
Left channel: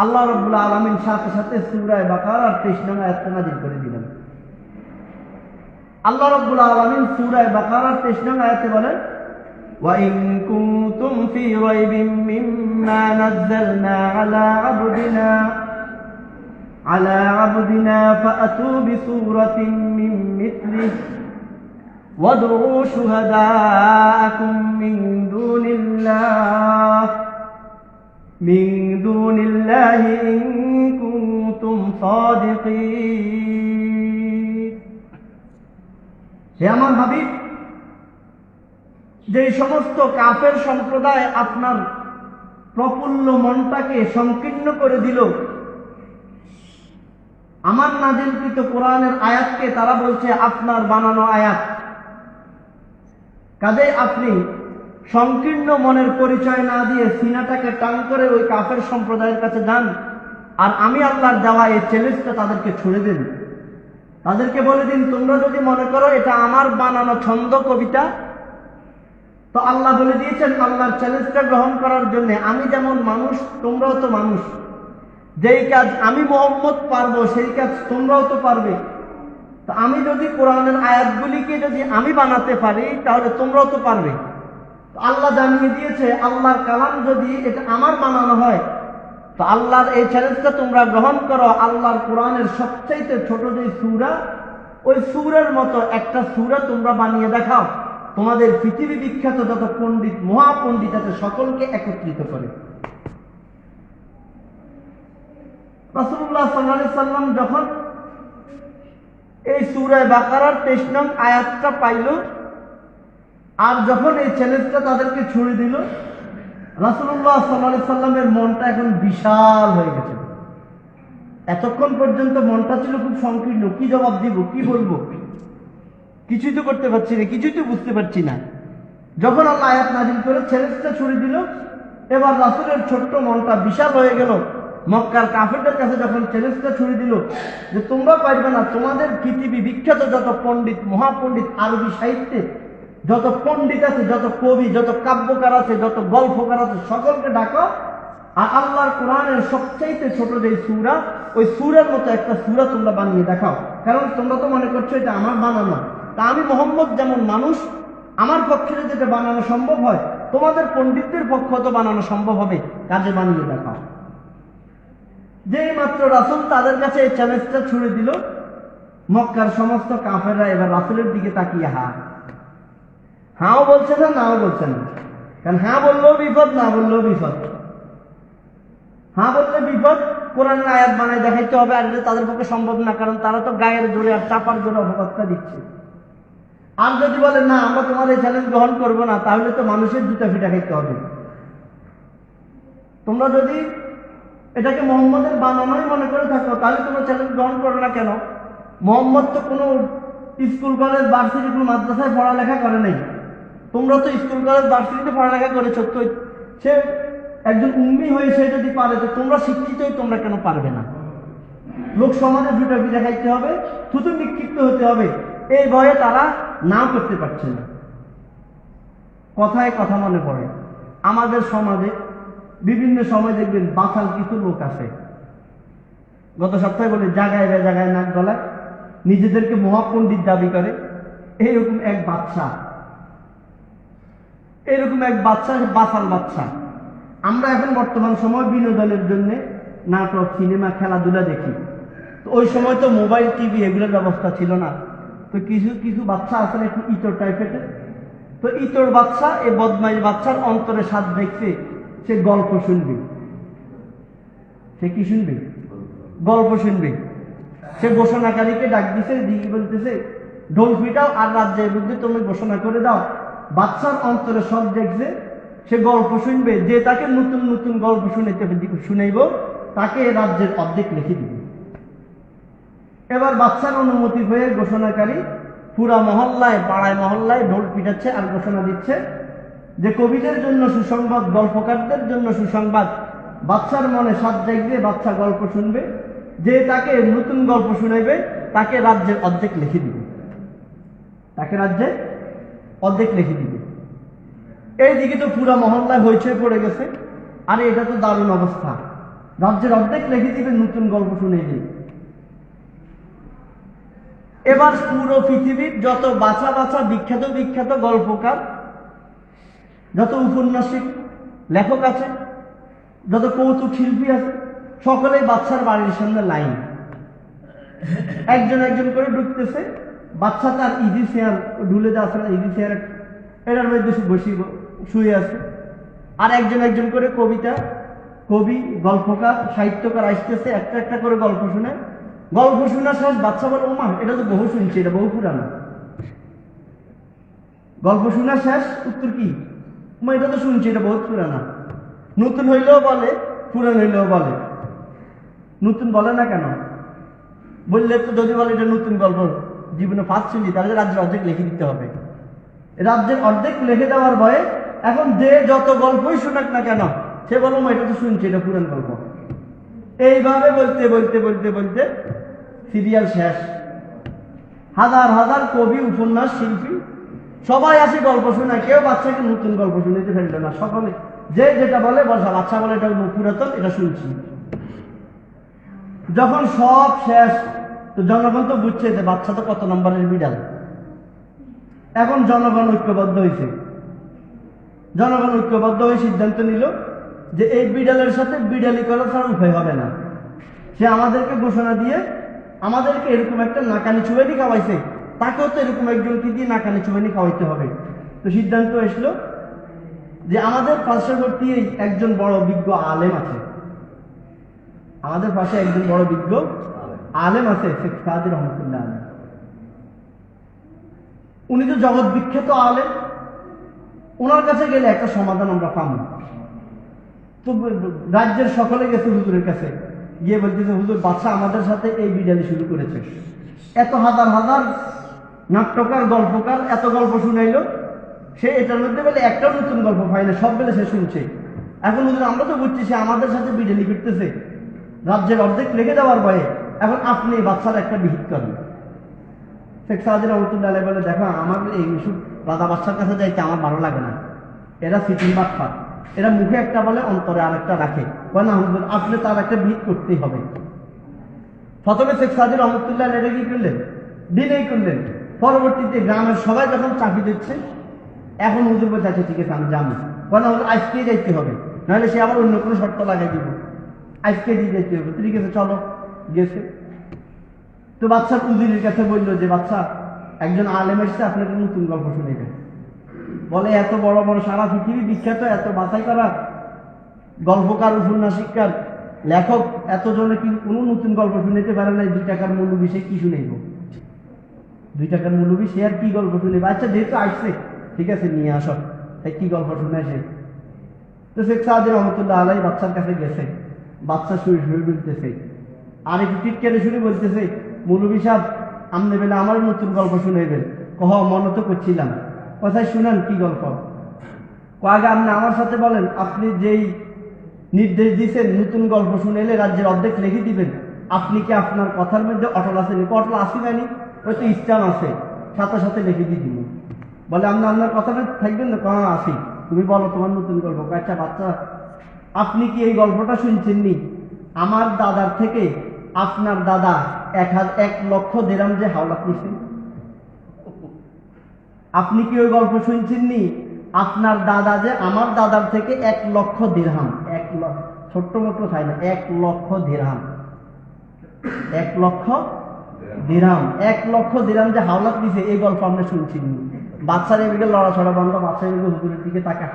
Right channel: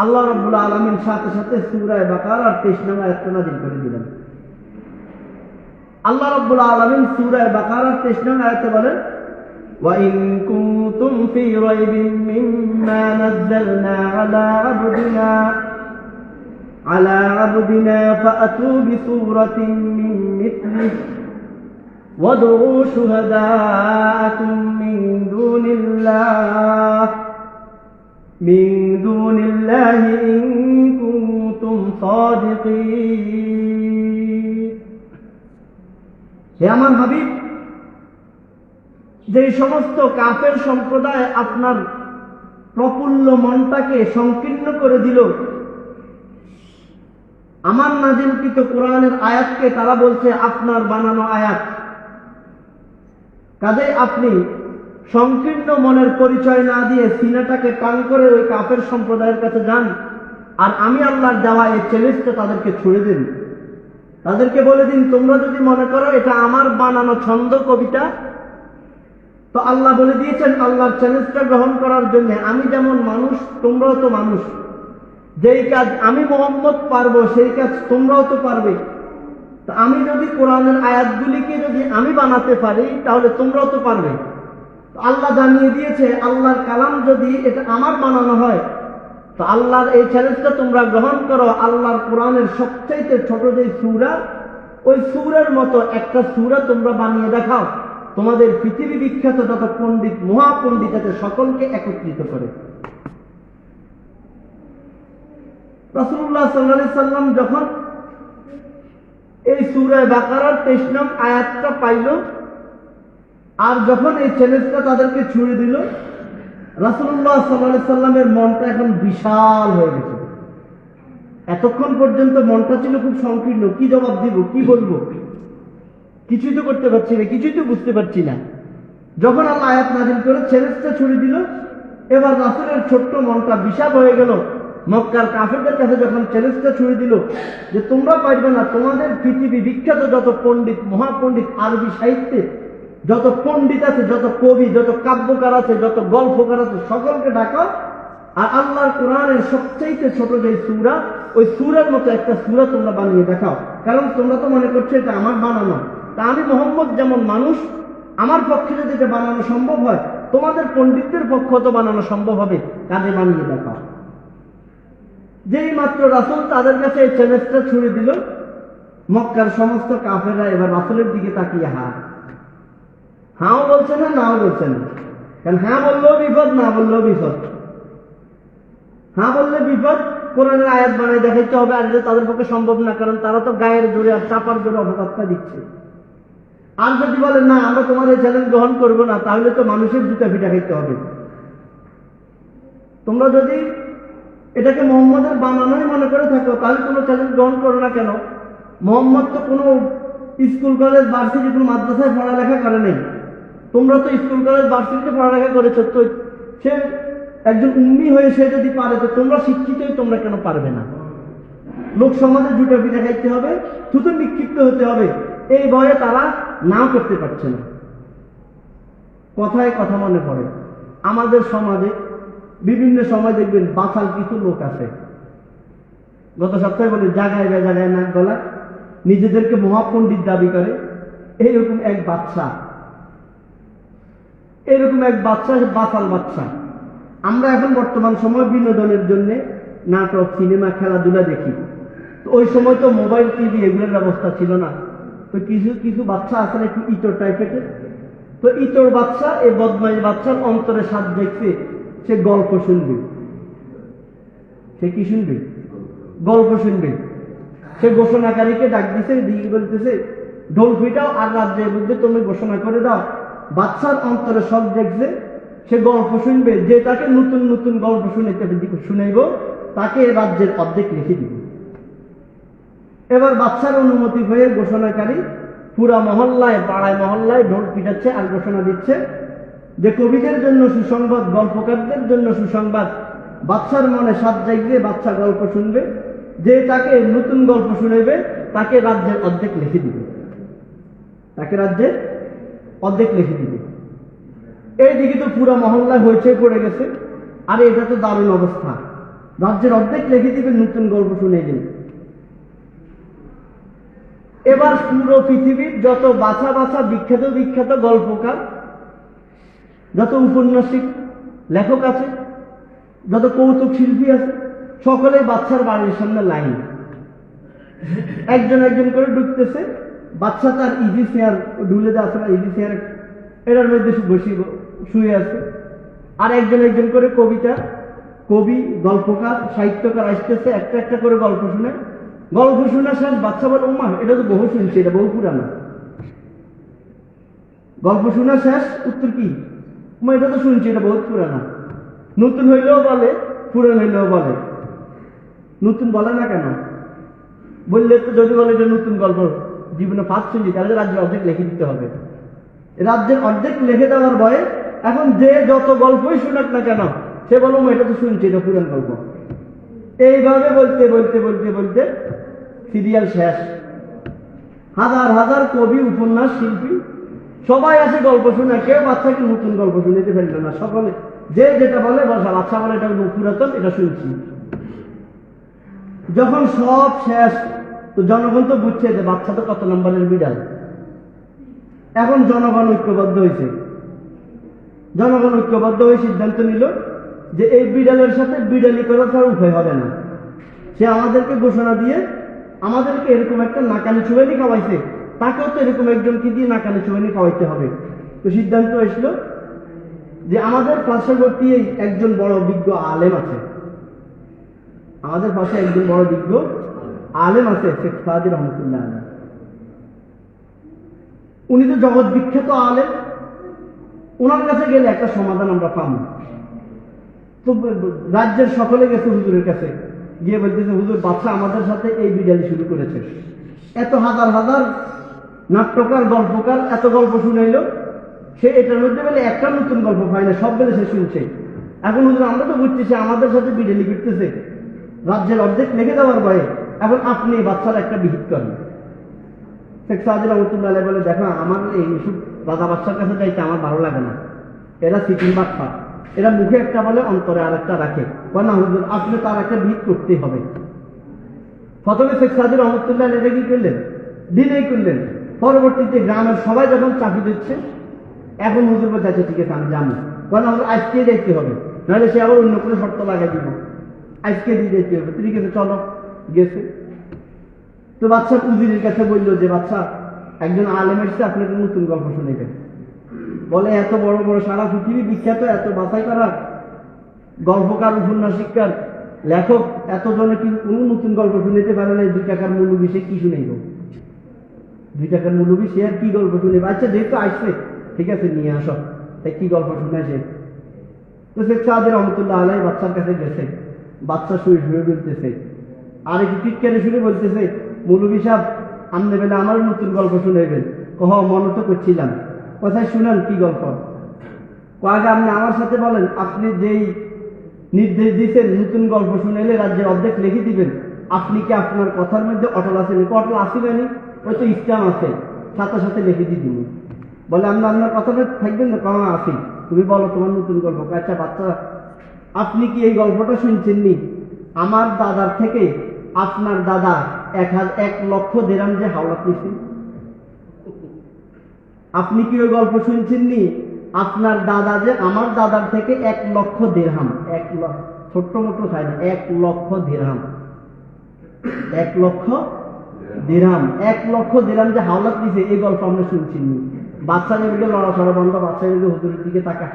আল্লাহ রাব্বুল আলামিন সাথে সাথে সূরা বাকারার 23 নং আয়াতটা নাযিল করে দিলেন। আল্লাহ রাব্বুল আলামিন সূরা বাকারার 23 নং আয়াতে বলেন, وَإِن كُنتُمْ فِي رَيْبٍ مِّمَّا نَزَّلْنَا عَلَى عَبْدِنَا فَأْتُوا بِسُورَةٍ مِّن مِّثْلِهِ وَادْعُوا شُهَدَاءَكُم مِّن دُونِ اللَّهِ إِن كُنتُمْ صَادِقِينَ। হে আমার হাবিব, যে সমস্ত কাফের সম্প্রদায় আপনার প্রফুল্ল মনটাকে সংকীর্ণ করে দিল, আমার নাজিলকৃত কোরআনের আয়াতকে তারা বলছে আপনার বানানো আয়াত। কাজে আপনি সংকীর্ণ মনের পরিচয় না দিয়ে সিনাটাকে টান করে ওই কাফের সম্প্রদায়ের কাছে যান, আর আমি আল্লাহর দেওয়া এই চ্যালেঞ্জটা তাদেরকে ছুড়ে দিন। তাদেরকে বলে দিন, তোমরা যদি মনে করো এটা আমার বানানো ছন্দ কবিতা, তো আল্লাহ বলে দিয়েছেন আল্লাহর চ্যালেঞ্জটা গ্রহণ করার জন্য আমি যেমন মানুষ তোমরাও তো মানুষ। যেই কাজ আমি মুহাম্মদ পারবো সেই কাজ তোমরাও তো পারবে। তো আমি যদি কোরআনের আয়াতগুলিকে যদি আমি বানাতে পারি তাহলে তোমরাও তো পারবে। আল্লাহ জানিয়ে দিয়েছে আল্লাহর কালাম যদি এটা আমার বানানো হয় তো আল্লাহর এই চ্যালেঞ্জটা তোমরা গ্রহণ করো। আল্লাহর কোরআনের সবচাইতে ছোট যে সূরা, ওই সূরার মতো একটা সূরা তোমরা বানিয়ে দেখাও, তোমাদের পৃথিবী বিখ্যাত যত পণ্ডিত মহাপণ্ডিত আছে সকলকে একত্রিত করে। রাসূলুল্লাহ সাল্লাল্লাহু আলাইহি সাল্লাম যখন এই সূরা বাকারার 23 নং আয়াতটা পাইল, আর যখন এই চ্যালেঞ্জটা তাদেরকে ছুড়ে দিল, রাসূলুল্লাহ সাল্লাল্লাহু আলাইহি সাল্লামের মনটা এখন বিশাল হয়ে গেছে। এতক্ষণ পর্যন্ত মনটা ছিল খুব সংকীর্ণ, কি জবাব দিব, কি বলবো, কিছুই তো করতে পারছি না, কিছুই তো বুঝতে পারছি না। যখন আল্লাহ আয়াত নাযিল করে চ্যালেঞ্জটা ছুড়ে দিল, এবার রাসূলের ছোট্ট মনটা বিশাল হয়ে গেল। মক্কার কাফেরদের কাছে যখন চ্যালেঞ্জটা ছুড়ে দিল যে তোমরা পারবে না, তোমাদের পৃথিবী বিখ্যাত যত পণ্ডিত মহাপণ্ডিত আরবি সাহিত্যে যত পণ্ডিত আছে, যত কবি, যত কাব্যকার আছে, যত গল্পকার আছে, সকলকে ডাকো, আর আল্লাহর কোরআনের সবচাইতে ছোট যে সূরা, ওই সূরার মতো একটা সূরা তোমরা বানিয়ে দেখাও। কারণ তোমরা তো মনে করছো এটা আমার বানানো, তা আমি মুহাম্মদ যেমন মানুষ, আমার পক্ষে যদি এটা বানানো সম্ভব হয়, তোমাদের পণ্ডিতদের পক্ষে তো বানানো সম্ভব হবে, কাজে বানিয়ে দেখাও। যেই মাত্র রাসূল তাদের কাছে এই চ্যালেঞ্জটা ছুড়ে দিল, মক্কার সমস্ত কাফেররা এবার রাসূলের দিকে তাকিয়ে হাও বলছে না, নাও বলছে না। কারণ হ্যাঁ বললেও বিপদ, না বললেও বিপদ। হ্যাঁ বললে বিপদ, কোরআনের আয়াত বানায় দেখাইতে হবে, আর এটা তাদের পক্ষে সম্ভব না, কারণ তারা তো গায়ের জোরে আর চাপার জোরে অপবাদটা দিচ্ছে। আর যদি বলে না আমরা তোমার এই চ্যালেঞ্জ গ্রহণ করবো না, তাহলে তো মানুষের জুতা ফিটা খাইতে হবে। তোমরা যদি এটাকে মুহাম্মদের বানানোই মনে করে থাকো, তাহলে তোমরা চ্যালেঞ্জ গ্রহণ করো না কেন? মুহাম্মদ তো কোনো স্কুল কলেজ ভার্সিটি কোনো মাদ্রাসায় পড়ালেখা করে নাই। তোমরা তো স্কুল কলেজ ভার্সিটিতে পড়ালেখা করেছো, তো সে একজন উম্মি হয়ে সে যদি পারে, তো তোমরা শিক্ষিতই, তোমরা কেন পারবে না? লোক সমাজে জুটা পিঠা খাইতে হবে, থুতু নিক্ষিপ্ত হতে হবে, এই ভয়ে তারা না করতে পারছে না। কথায় কথা মনে পড়ে, আমাদের সমাজে বিভিন্ন সময় দেখবেন বাচাল কিছু লোক আছে, গত সপ্তাহে বলে জায়গায় জায়গায় নাক গলায়, নিজেদেরকে মহাপণ্ডিত দাবি করে। এইরকম এক বাচ্চা বাচাল বাচ্চা। আমরা এখন বর্তমান সময় বিনোদনের জন্য নাটক, সিনেমা, খেলাধুলা দেখি। তো ওই সময় তো মোবাইল, টিভি এগুলোর ব্যবস্থা ছিল না। তো কিছু কিছু বাচ্চা আসলে একটু ইতর টাইপের, তো ইতর বাচ্চা, এই বদমাইশ বাচ্চার অন্তরে স্বাদ দেখছে, সে গল্প শুনবে। সে কি শুনবে? গল্প শুনবে। সে ঘোষণাকারীকে ডাক দিছে, দিয়ে বলতেছে ঢোল পিটাও আর রাজ্যের বিরুদ্ধে তুমি ঘোষণা করে দাও। বাচ্চার অন্তরে সব দেখছে, সে গল্প শুনবে। যে তাকে নতুন নতুন গল্প শুনাইব, তাকে রাজ্যের অর্ধেক লিখে দিবে। এবার বাচ্চার অনুমতি পেয়ে ঘোষণাকারী পুরা মহল্লায়, পাড়ায় মহল্লায় ঢোল পিটাচ্ছে আর ঘোষণা দিচ্ছে যে কবিদের জন্য সুসংবাদ, গল্পকারদের জন্য সুসংবাদ। বাচ্চার মনে স্বাদ জাগবে, বাচ্চা গল্প শুনবে। যে তাকে নতুন গল্প শুনাইবে তাকে রাজ্যের অর্ধেক লিখে দিবে, এইদিকে তো পুরা মহল্লায় হইচই পড়ে গেছে। আরে এটা তো দারুণ অবস্থা, রাজ্যের অর্ধেক লিখে দিবে, নতুন গল্প শুনে দিবে। এবার পুরো পৃথিবীর যত বাছা বাছা বিখ্যাত গল্পকার, যত উপন্যাসিক লেখক আছে, যত কৌতুক শিল্পী আছে, সকলে বাচ্চার বাড়ির সামনে লাইন, একজন একজন করে ঢুকতেছে। বাচ্চা তার ইজি চেয়ার, ঢুলে যাচ্ছে না, ইজি চেয়ার এটার মধ্যে শুয়ে আছে। আর একজন একজন করে কবি, গল্পকার, সাহিত্যকার আসতেছে, একটা একটা করে গল্প শুনে। গল্প শোনা শেষ, বাচ্চা বলে ওমা এটা তো বহু শুনছি, এটা বহু পুরানো। গল্প শোনা শেষ, উত্তর কি? এটা তো শুনছি, এটা বহুত পুরানো। নতুন হইলেও বলে, পুরান হইলেও বলে। নতুন বলে না কেন? বললে তো যদি বলে এটা নতুন গল্প, জীবনে ফার্স্ট শুনছি, তাহলে রাজ্যের অর্ধেক লিখে দিতে হবে। রাজ্যের অর্ধেক লিখে দেওয়ার ভয়ে এখন যে যত গল্পই শোনাক না কেন, সে বলবো এটা তো শুনছি, এটা পুরান গল্প। এইভাবে বলতে বলতে বলতে বলতে সিরিয়াল শেষ। হাজার হাজার কবি, উপন্যাস শিল্পী সবাই আসে গল্প শোনা, কেউ বাচ্চাকে নতুন গল্প শুনতে ফেলবে না। সকলে যে যেটা বলে বসা, বাচ্চা বলে এটা পুরাতন, এটা শুনছি। যখন সব শেষ, তো জনগণ তো বুঝছে যে বাচ্চা তো কত নম্বরের বিড়াল। এখন জনগণ ঐক্যবদ্ধ হয়েছে। জনগণ ঐক্যবদ্ধ হয়ে সিদ্ধান্ত নিল যে এই বিড়ালের সাথে বিড়ালি করা ছাড়া উপায় হবে না। সে আমাদেরকে ঘোষণা দিয়ে আমাদেরকে এরকম একটা নাকানি চুবানি খাওয়াইছে, তাকেও তো এরকম একজনকে দিয়ে নাকানি চুবানি খাওয়াইতে হবে। তো সিদ্ধান্ত এসলো যে আমাদের পার্শ্ববর্তী একজন বড় বিজ্ঞ আলেম আছে, আমাদের পাশে একজন বড় বিজ্ঞ আলেম আছে, শেখ সাদি রহমতুল্লাহ। উনি তো জগৎ বিখ্যাত আলেম, ওনার কাছে গেলে একটা সমাধান আমরা পাব। তো রাজ্যের সকলে গেছে হুজুরের কাছে, গিয়ে বলতেছে হুজুর বাচ্চা আমাদের সাথে এই বিড়ালি শুরু করেছে। এত হাজার হাজার নাট্যকার, গল্পকার এত গল্প শুনাইলো, সে এটার মধ্যে বলে একটা নতুন গল্প পায় না, সব বেলে সে শুনছে। এখন হুজুর আমরা তো বুঝছি সে আমাদের সাথে বিড়ালি ফিরতেছে, রাজ্যের অর্ধেক লেগে দেওয়ার ভয়ে। এখন আপনি বাচ্চার একটা বিহিত করেন। শেখ সাদি রহমতুল্লাহ বলে দেখো, আমার এই রাজা বাচ্চার কাছে যাইতে আমার ভালো লাগে না, এরা সিকিম বাচ্চা, এরা মুখে একটা বলে অন্তরে আর একটা রাখে। না হুজুর আপনি তার একটা বিহিত করতেই হবে। প্রথমে শেখ সাদি রহমতুল্লাহ এটা কি করলেন, ডিলে করলেন। পরবর্তীতে গ্রামের সবাই যখন চাকরি দিচ্ছে, এখন হুজুর বলছে আচ্ছা ঠিক আছে আমি জানি, না হুজুর আজকেই যাইতে হবে, নাহলে সে আবার অন্য কোনো শর্ত লাগাই দিব, আজকে দিয়ে যেতে হবে। ঠিক আছে চলো, গেছে। তো বাচ্চা উজিরের কাছে বললো যে বাচ্চা একজন আলেম এসছে, আপনি একটা নতুন গল্প শুনে দেন। বলে এত বড় বড় সারা পৃথিবী বিখ্যাত এত বাছাই করা গল্পকার, উপন্যাসিককার, লেখক এতজনে কি কোনো নতুন গল্প শুনেতে পারলে 2 টাকার মূল্যবি সে কি শুনাইব? 2 টাকার মূল্যবি সে আর কি গল্প শুনে? বাচ্চা যেহেতু আসছে ঠিক আছে নিয়ে আসো, তাই কি গল্প শুনেছে? তো শেখ সাদি রহমতুল্লাহ আলাই বাচ্চার কাছে গেছে, বাচ্চা শুয়ে শুয়ে বলতেছে, আর একটু টিটকারে শুনে বলতেছে মৌলবী সাহেব আমনে বেলা আমার নতুন গল্প শুনাইবেন। কহ মনে তো করছিলাম, কোথায় শুনান কি গল্প? আগে আপনি আমার সাথে বলেন, আপনি যেই নির্দেশ দিয়েছেন নতুন গল্প শুনেলে রাজ্যের অর্ধেক লিখে দিবেন, আপনি কি আপনার কথার মধ্যে অটল আছেন? অটল আসি জানি, হয়তো ইসলাম আছে, সাথে সাথে লিখে দিয়ে দিব। বলে আপনি আপনার কথাটা থাকবেন না? কখন আসি, তুমি বলো তোমার নতুন গল্প। আচ্ছা বাচ্চা আপনি কি এই গল্পটা শুনছেন নি? আমার দাদার থেকে আপনার দাদা 1 লক্ষ দিরহাম যে হাওলাত নিছেন, আপনি কি ওই গল্প শুনছেন নি? আপনার দাদা যে আমার দাদার থেকে 1 লক্ষ দিরহাম, ছোট্ট মতো খায় না, 1 লক্ষ দিরহাম, 1 লক্ষ দিরহাম, 1 লক্ষ দিরহাম যে হাওলাত নিছে, এই গল্প আমরা শুনছি নি? বাচ্চার এদিকে লড়াছড়া বন্ধ, বাচ্চা এদিকে হুজুরের দিকে তাকে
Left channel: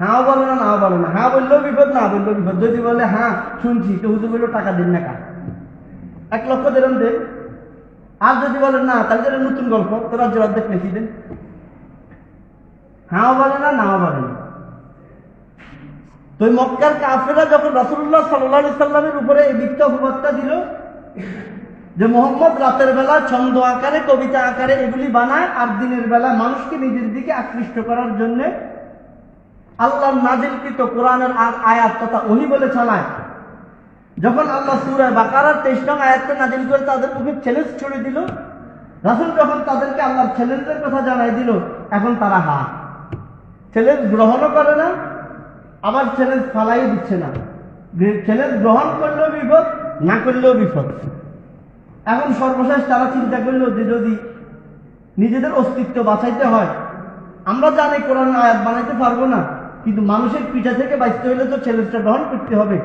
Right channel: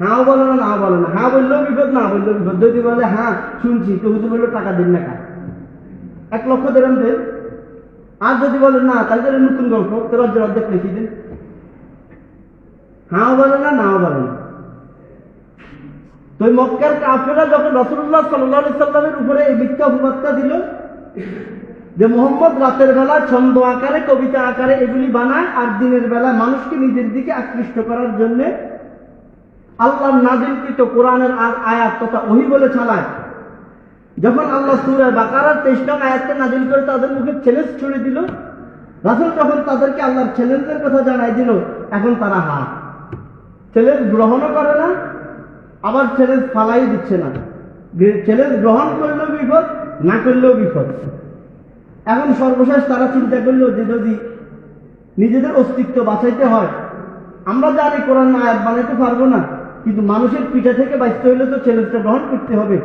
হ্যাঁ বলে না, না বলে না, হ্যাঁ বললেও বিপদ, না বললেও বিপদ। যদি বলে হ্যাঁ শুনছি, তো হুজুর বললো টাকা দিন না, 1 লক্ষ দিরহাম দেন। আর যদি বলেন না, তাহলে নতুন গল্প, তো রাজ্যের অর্ধেক লিখে দেন। হ্যাঁ বলে না, নাও বলে না। তো মক্কার কাফেররা যখন রাসূলুল্লাহ সাল্লাল্লাহু আলাইহি সাল্লামের উপরে এই মিথ্যা অপবাদটা দিল যে মুহাম্মদ রাতের বেলা ছন্দ আকারে, কবিতা আকারে এগুলি বানায়, আর দিনের বেলা মানুষকে নিজের দিকে আকৃষ্ট করার জন্য আল্লাহর নাযিলকৃত কোরআনের আয়াত তথা ওহী বলে চালায়। যখন আল্লাহ সূরা বাকারার 23 নং আয়াতটা নাযিল করে তাদের মুখে চ্যালেঞ্জ ছুড়ে দিল, রাসূল যখন তাদেরকে আল্লাহর চ্যালেঞ্জের কথা জানাই দিল, এখন তারা চ্যালেঞ্জ গ্রহণও করে না, আবার চ্যালেঞ্জ ফালাই দিচ্ছে না। চ্যালেঞ্জ গ্রহণ করলেও বিপদ, না করলেও বিপদ। এখন সর্বশেষ তারা চিন্তা করলো যে যদি নিজেদের অস্তিত্ব বাঁচাইতে হয়, আমরা জানি কোরআন আয়াত বানাইতে পারবো না, কিন্তু মানুষের পিঠা থেকে বাঁচতে হলে তো চ্যালেঞ্জটা গ্রহণ করতে হবে।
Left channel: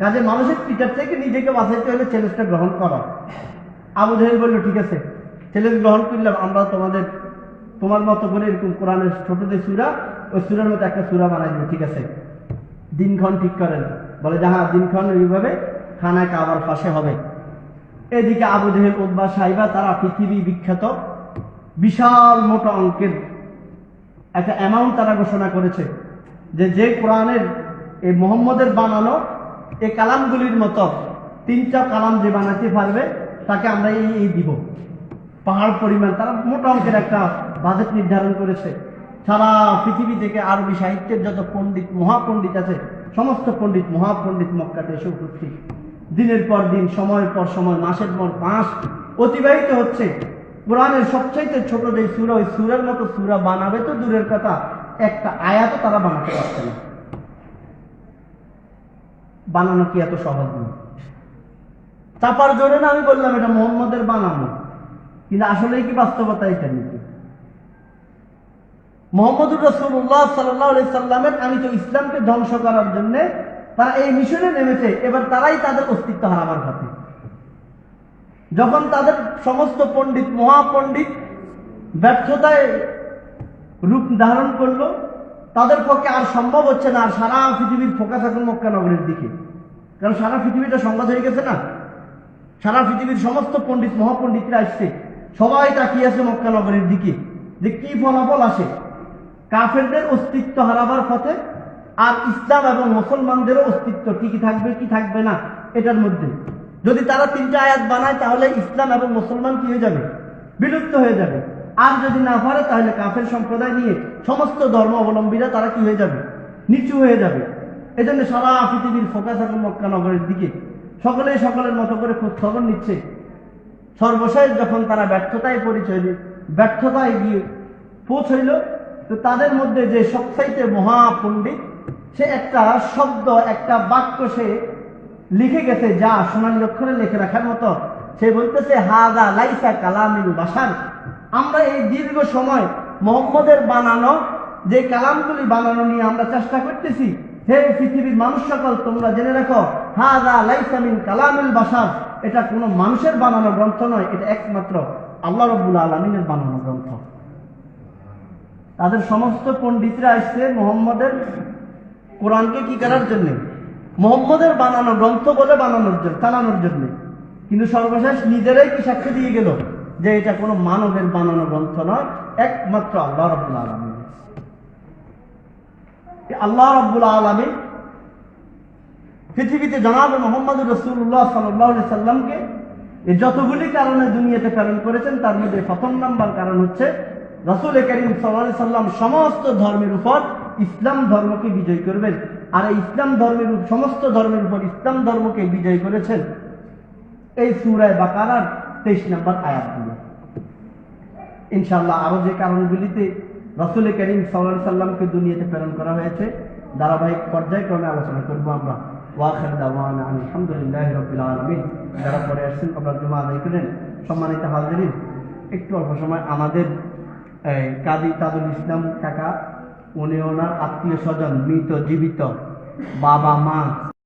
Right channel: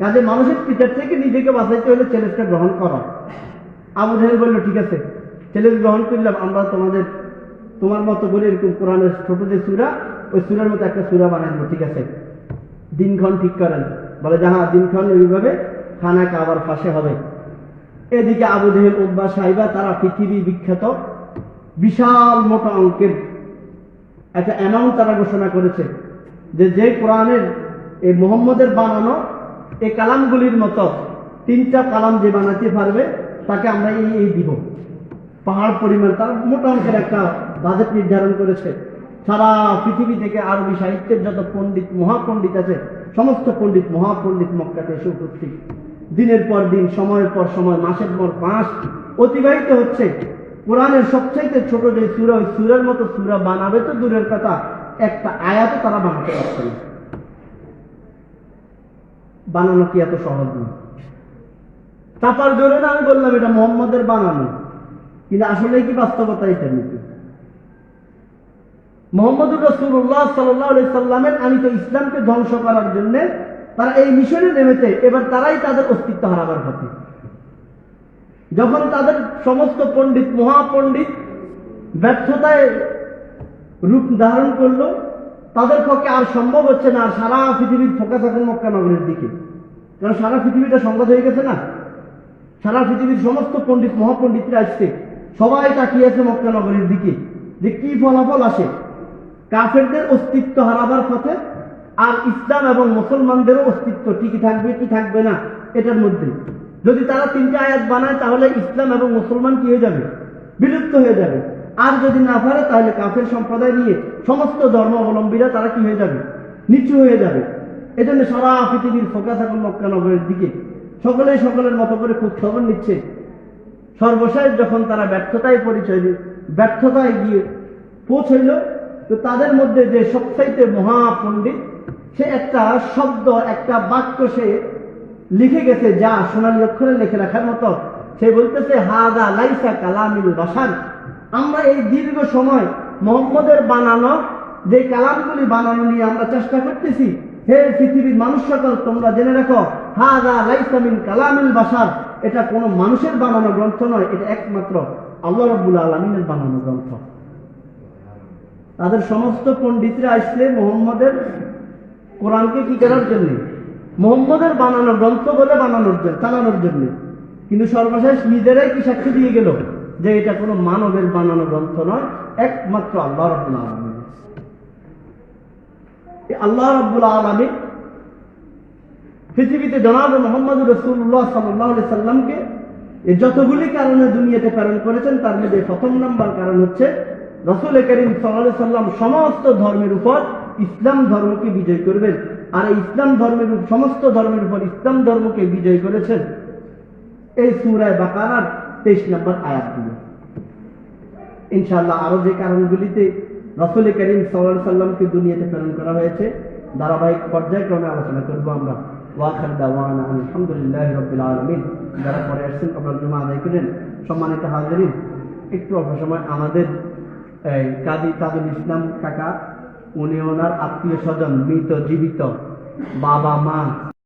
কাজে মানুষের পিঠার থেকে নিজেকে বাঁচাইতে হলে চ্যালেঞ্জটা গ্রহণ করা। আবু জাহেল বলল ঠিক আছে, চ্যালেঞ্জ গ্রহণ করলাম, আমরা তোমার মতো করে এরকম কোরআনের ছোট যে সূরা, ওই সূরার মতো একটা সূরা বানাবো। ঠিক আছে, দিনক্ষণ ঠিক করেন। বলে যে হ্যাঁ দিনক্ষণ এইভাবে খানা কাবার পাশে হবে। এদিকে আবু জাহেল, উতবা, সাইবা তারা পৃথিবী বিখ্যাত বিশাল মোটা অঙ্কের একটা অ্যামাউন্ট তারা ঘোষণা করেছে যে কোরআনের এই মুহাম্মদের বানানো এই কালামগুলির মতো 3টা কালাম যে বানাতে পারবে তাকে আমরা এই দিব। পাহাড় পরিমাণ তারা মোটা অঙ্কের একটা বাজেট নির্ধারণ করেছে। সারা পৃথিবী থেকে আরবি সাহিত্যের যত পণ্ডিত মহাপণ্ডিত আছে সমস্ত পণ্ডিত মহাপণ্ডিত মক্কাতে এসে উপস্থিত। দিনের পর দিন, সময়ের পর সময়, মাসের পর মাস অতিবাহিত হচ্ছে। কোরআনের সবচেয়ে ছোট যে সূরা, ওই সূরার মতো সূরা বানাবে তো দূরের কথা, একটা আয়াত তারা বানাতে পারছে না। বানানো কি এত সহজ নয়? চাপার জোরে না আমি বললাম এটা মুহাম্মদের বানানো, কিন্তু আসলে কি বাস্তবতা এটা নাকি? মুহাম্মদুর রাসূলুল্লাহ সাল্লাল্লাহু আলাইহি সাল্লামের আমি তো ইসলামকে ধ্বংস করার জন্য তারা এই মিশনে নেমেছে। এবার তারাই তাদের অস্তিত্ব হারাবার পথে। যখন তাদের সমস্ত পণ্ডিত মহাপণ্ডিত ব্যর্থতায় রূপ ধারণ করলো, তাদের পক্ষে আর সম্ভব হচ্ছে না। আর সারা পৃথিবীর ফোকাস এখন মক্কা নগরের দিকে, কারণ সারা পৃথিবীটা সংবাদ হয়ে গেছে না। সারা পৃথিবীর সমস্ত পণ্ডিত মহাপণ্ডিতরা আসছে, সবাই তাকিয়ে আছে মক্কা নগরের দিকে যে কি ফলাফল আসে। কাফেরদের অস্তিত্ব হারাবার পথে, আর ইসলাম এবং মুসলমানদেরও অস্তিত্ব টিকে থাকবে কি থাকবে না এটার মধ্যে। যদি তারা 3টা আয়াত বানায় তাহলে ইসলাম এবং মুসলমান কি হয়ে যাবে? বিলুপ্ত হয়ে যাবে। আর যদি না পারে তাহলে কাফের সম্প্রদায় নিয়ে সমস্ত ধর্মাবলম্বীরা তারা কি হয়ে যাবে? নিচু হয়ে যাবে। এজন্য সারা পৃথিবীর ফোকাস এখন মক্কা নগরের দিকে। সকলেই সকলের মতো করে খোঁজ খবর নিচ্ছে। সর্বশেষ যখন তারা ব্যর্থতায় গিয়ে পৌঁছইল, তো তাদের মধ্যে যে সবচাইতে মহাপণ্ডিত, সে একটা শব্দ, একটা বাক্য সে লিখে গেছে, যা সোনালী অক্ষরে লিখে রাখার মতো। সে বলতেছে, হাযা লাইসা কালামিল বাশার। আমরা এই দীর্ঘ সময় মুহাম্মদের বানানো যে কালামগুলি বানানো নিয়ে আমরা চেষ্টা করতেছি, হে পৃথিবীর মানুষ সকল তোমরা জেনে রাখো, হাযা লাইসা মিন কালামিল বাশার। এটা কোনো মানুষের বানানো গ্রন্থ নয়, এটা একমাত্র আল্লাহ রাব্বুল আলামিনের বানানো গ্রন্থ। তাদের সমস্ত পণ্ডিতরা আসছে মুহাম্মদের কোরআনকে কি করার জন্য? মুহাম্মদের বানানো গ্রন্থ বলে চালানোর জন্য। কিন্তু সর্বশেষ নিজেরাই কি সাক্ষী দিয়ে গেল যে এটা কোনো মানবের বানানো গ্রন্থ নয়, একমাত্র আল্লাহ রাব্বুল আলামিন। আল্লাহ রাব্বুল আলামিন পৃথিবীতে জনাব মুহাম্মদুর রাসূলুল্লাহ সাল্লাল্লাহু আলাইহি সাল্লামকে যতগুলি কারণে দুনিয়াতে প্রেরণ করেছেন, তার মধ্যে প্রথম নাম্বার কারণ হচ্ছে রাসূল করিম সাল্লাল্লাহু আলাইহি সাল্লাম সমস্ত ধর্মের উপর ইসলাম ধর্মকে বিজয় করবেন। আর এই ইসলাম ধর্মের সমস্ত ধর্মের উপর ইসলাম ধর্মকে বিজয় করেছেন এই সূরা বাকারার 23 নম্বর আয়াত দিয়ে। ইনশাআল্লাহ আরো যে কারণগুলিতে রাসূল করিম সাল্লাল্লাহু আলাইহি সাল্লামকে দুনিয়াতে প্রেরণ করা হয়েছে ধারাবাহিক পর্যায়ক্রমে আলোচনা করব আমরা। ওয়াখির দাওয়ানা আলহামদুলিল্লাহি রাব্বিল আলামিন। যারা পরে আসছেন আপনারা জুমা আদায় করেন। সম্মানিত হাজিরিন, একটু অল্প সময় আমাদের কাজী তাজুল ইসলাম কাকা, উনি ওনার আত্মীয় স্বজন, মৃত জীবিত বাবা মা